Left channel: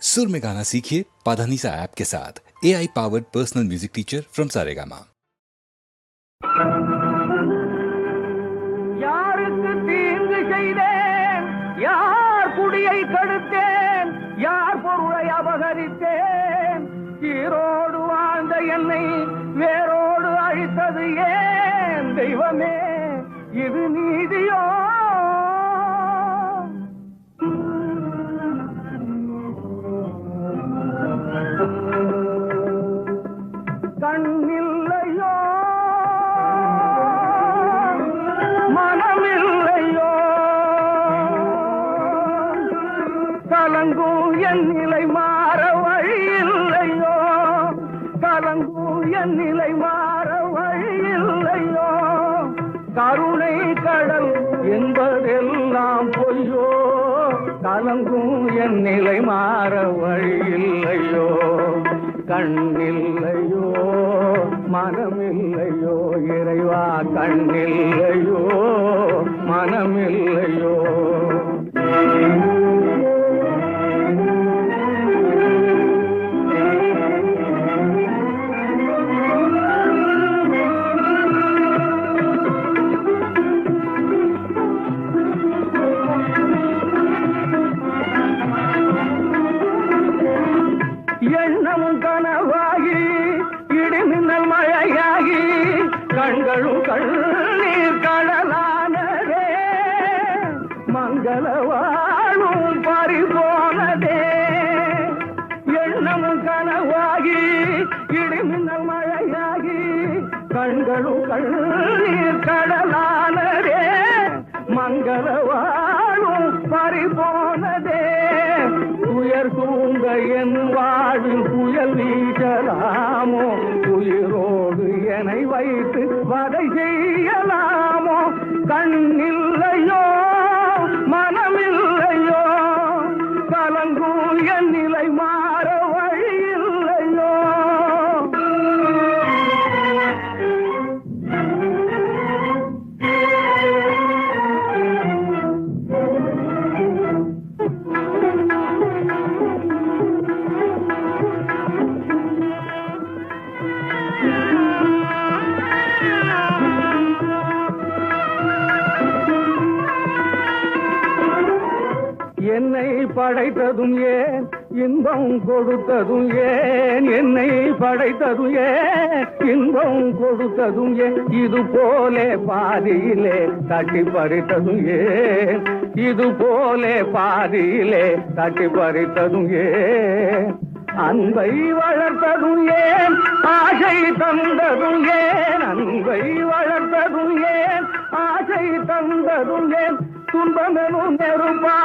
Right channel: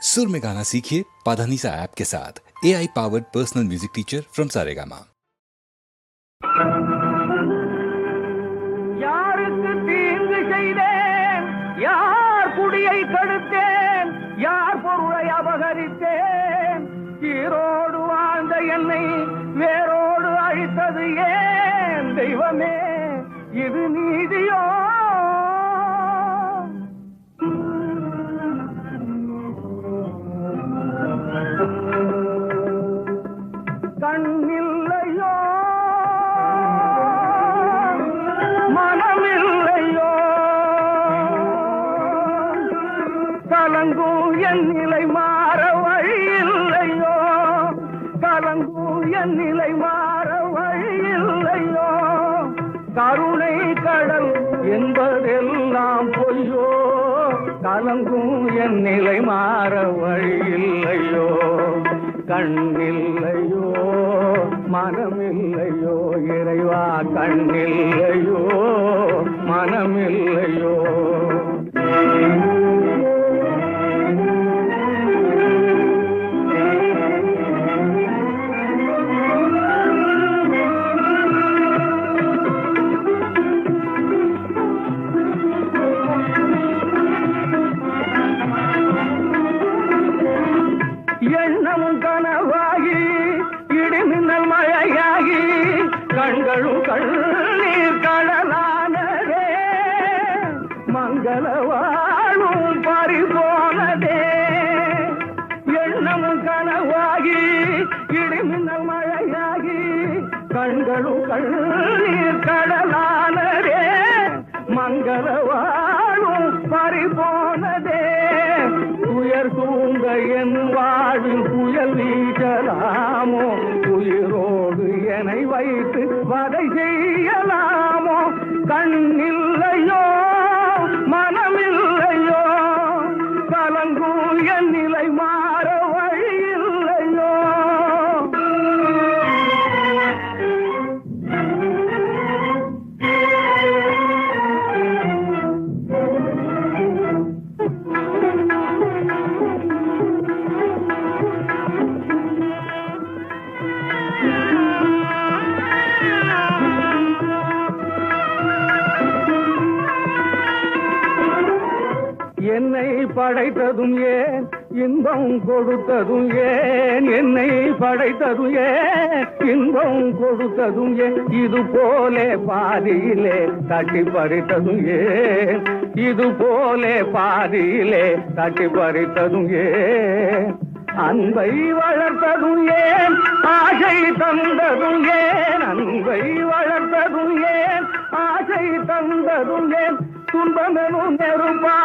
सुर में गाना सीखिए पाधानीसा ऐप के साथ। AI powered personal music teacher from Saregama. யாருக்கு தீங்கு செய்தேன், யார் குடியை கெடுத்தேன், யார் பொருளை அபகரித்தேன், ஈரோடு வாழ்ந்த என்னை வேரோடு அழித்தது ஏன் தெய்வமே, இது நீதியோ? கண்ணில்லையோ மனமில்லையோ, கலங்கும் என் நிலை மாற வழியில்லையோ, கலங்கும் என் நிலை மாற வழியில்லையோ, கருணை கடல் என்பதெல்லாம் பொய்யோ, கலங்கும் என் நிலை மாற வழியில்லையோ, கண்ணில்லையோ மனமில்லையோ, இறைவா கண்ணில்லையோ மனமில்லையோ. எண்ணமும் கனவாகி இடிமின்னல் மழையாகி கண்களும் கண்ணீர் கடலானதே, மங்கள வாழும் பறிபோனதே. எண்ணமும் கனவாகி இடிமின்னல் மழையாகி கண்களும் கண்ணீர் கடலானதே, மங்கள வாழும் பறிபோனதே. உயர் தூங்க என் வாழ்வில் புயல் வீசலாமோ, உயிரோடு என்னை வைத்து வதை செய்யலாமோ, கண்ணில்லையோ மனமில்லையோ, கலங்கும் என் நிலை மாற வழியில்லையோ. என்னை படைத்ததும் ஏன், இன்பம் கொடுத்ததும் ஏன், என்னை படைத்ததும் ஏன், இன்பம் கொடுத்ததும் ஏன், இது போலே பாதியிலே தட்டி பறித்ததும் ஏன், இது போலே பாதியிலே தட்டி பறித்ததும் ஏன், அன்பை வளர்த்ததும் ஏன், ஆசை தந்ததும் ஏன், அன்பை வளர்த்ததும் ஏன், ஆசை தந்ததும் ஏன், துன்பமெனும் நெருப்பா